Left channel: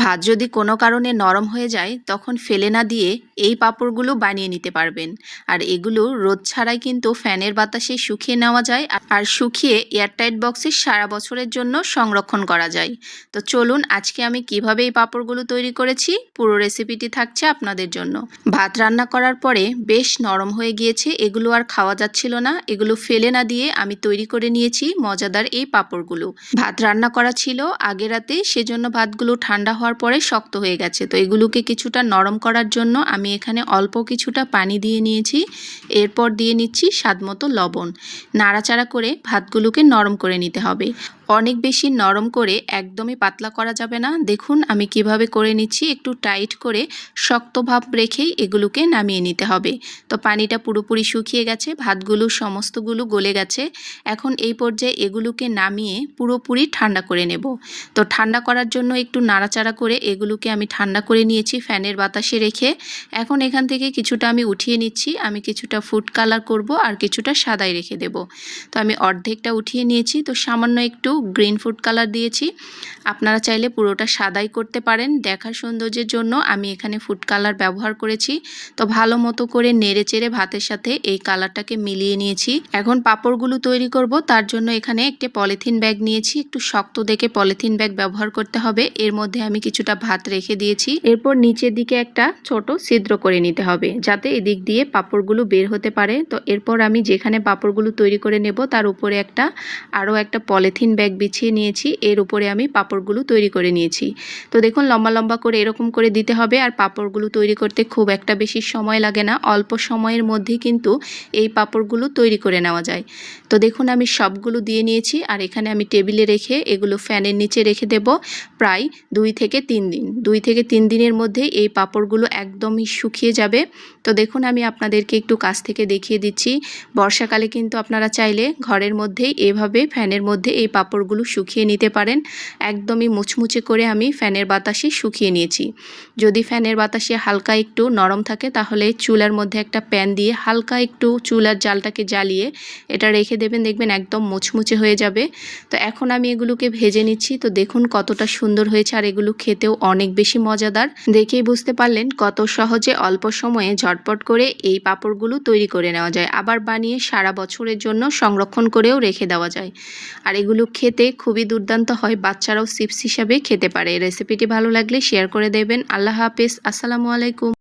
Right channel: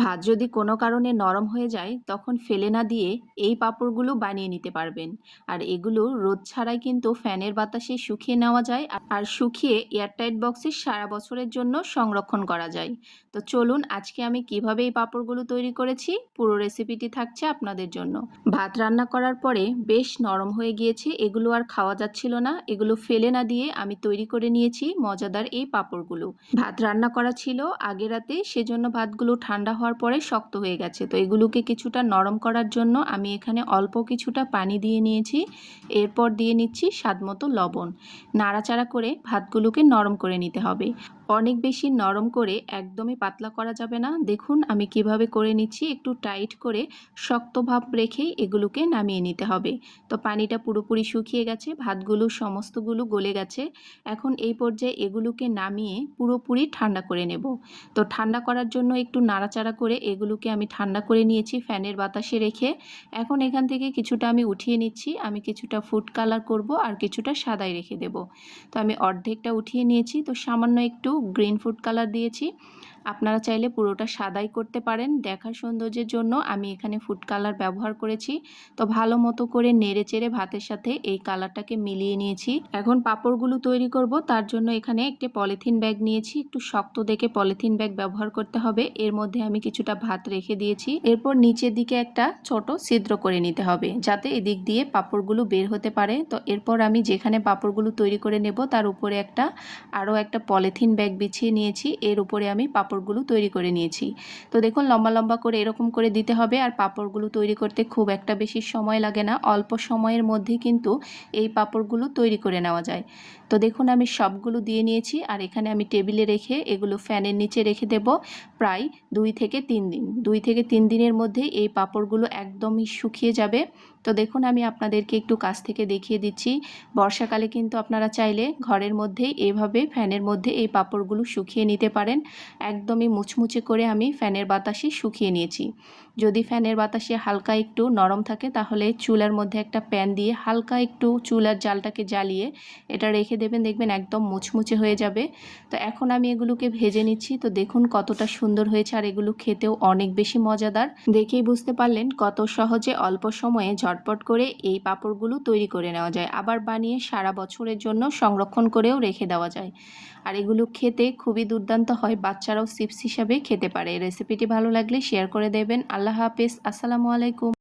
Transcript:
ভাত যদি কোনো কারণে নরম হয়ে যায় তখন ফেলে না দিয়ে এই পাঁপড়গুলো বানিয়ে নিতে পারবেন। আর এগুলো রোদ ছাড়াই কিন্তু ফ্যানের বাতাসে শুকিয়ে নেওয়া যায়, আর শুকিয়ে এয়ারটাইট বক্সে সারা বছরের জন্য সংরক্ষণ করা যায়। তো চলুন আজকে আমি কিভাবে এই পাঁপড়গুলো তৈরি করেছি পুরো রেসিপিটি থাকছে আপনাদের জন্য। ভাত রান্না করার পরে বেশ নরম হয়ে গিয়েছে, এগুলো আর খাওয়া যাচ্ছিল না। এগুলো ফেলে না দিয়ে আমি তৈরি করে নিয়েছি মজাদার এই পাঁপড়গুলো। ভাত রান্না করা ছিল আগের রাতে, সেজন্য ভাতগুলো ঠান্ডা হওয়ার পরে শক্ত হয়ে গেছে। তো এগুলোকে কিছুটা নরম করার জন্য আমি এখানে অল্প কিছুটা পানি দিয়ে নিয়েছি। এরপর দিয়ে নিচ্ছি স্বাদমতো লবণ। নাড়াচাড়া করে ভাতগুলোকে নরম করে নিতে হবে। অনেক বেশি নরম করে একদমই পাতলা করা যাবে না। দেখুন আমি কিভাবে করে নিচ্ছি, একটু টাইট করে শক্ত ভাব রেখেই এগুলোকে নামিয়ে নিতে হবে। তো পানিটা পুরোপুরি শুকিয়ে গেছে, ভাতগুলো সমস্তগুলো গলে গেছে। এখন এই পর্যায়ে এগুলোকে নামিয়ে পুরোপুরি ঠান্ডা করে নেব। তো ঠান্ডা করার জন্য একটু নাড়াচাড়া করে এগুলোকে আমি ঠান্ডা করে নিয়েছি ফ্যানের বাতাসে রেখে। এখন এখান থেকে কিছুটা আমি উঠিয়ে নিচ্ছি। আমি কিছুটা ফুড কালার করব আর কিছুটা সাদাই রেখে দেব। তো আমি অর্ধেকটা উঠিয়ে নিয়েছি, তো সামান্য একটু গ্রিন ফুড কালার দিয়েছি। আপনারা চাইলে পুরোটা সাদাই করতে পারেন। দেখার সৌন্দর্যের জন্য আমি এখানে ফুড কালার ব্যবহার করেছি। তো ভালো মতো করে নেড়ে চেড়ে ভাতের সাথে এই কালারটাকে মিলিয়ে নিয়েছি। এখন পাঁপড়গুলো তৈরি করব, তার জন্য এখানে একটি পলিথিন ব্যাগ নিয়েছি। একটু শক্ত দেখে পলিথিন ব্যাগ ব্যবহার করতে হবে। এর মধ্যে আমি কিছুটা ভাত রেখে দিয়েছি। এরপর নিচের দিকে একটা ছোট ছিদ্র করে নিতে হবে যাতে এদিক দিয়ে পাঁপড়গুলো বের হতে পারে। তো এরপর আমি যেখানে পাঁপড়গুলো তৈরি করে নেব তার উপরে আরও একটা পলিথিন ব্যাগ বিছিয়ে নিয়েছি। এর উপরে আমি পাঁপড়গুলো তৈরি করে নিয়েছি। তো দেখুন লম্বা লম্বা করে এরকম করে দিতে হবে। আর পাঁপড়গুলো তৈরি করতে খুব একটা বেশি সময় লাগে না, অল্প সময়ের মধ্যেই কিন্তু এই পাঁপড়গুলো তৈরি করে নেওয়া যায়। তো দেখুন আমি সবগুলো দিয়ে নিয়েছি। আর এখানে আমি টেবিলে রেখে এগুলো ফ্যানের নিচে রেখে দেব প্রায় 2 থেকে 3 দিন। 2 থেকে 3 দিনের মধ্যে এই পাঁপড়গুলো একদমই শুকিয়ে যাবে। তো দেখুন আমি আপনাদেরকে একটু কাছ থেকে দেখিয়ে দিচ্ছি। বর্ষাকালে কিন্তু আপনারা চাইলে ঘরের মধ্যেই এভাবে ফ্যানের মধ্যে এই পাঁপড়গুলো শুকিয়ে নিতে পারেন। একদমই মুচমুচে করে আমি ফ্যানের বাতাসে শুকিয়ে নিয়েছি। যদি ফ্যানের বাতাসে হালকা একটু নরম থাকে তাহলে চুলার মধ্যে একটা প্যান দিয়ে হালকা একটু চুলার জালটাকে জ্বালিয়ে এটা রেখে দেবেন, দেখবেন একদম মুচমুচে হয়ে যাবে। তো এখন আমি এগুলোকে ভেজে নিচ্ছি। তো দেখুন কতটা সুন্দর হয়েছে, আর এগুলো খেতেও অনেক বেশি মজাদার। দেখেই বুঝতে পারলেন কত সহজে অল্প সময়ে ঝটপট করে এই পাঁপড়গুলো তৈরি করে নেওয়া যায়, আবার বানিয়ে সারা বছরের জন্য সংরক্ষণ করেও রেখে দেওয়া যায়। আর এগুলো খেতে খুবই দুর্দান্ত হয়, বাচ্চারাও চিপস হিসাবে খেতে পারে। রেসিপিটি ভালো লাগলে শেয়ার করে দেবেন। আল্লাহ হাফেজ, আসসালামু আলাইকুম।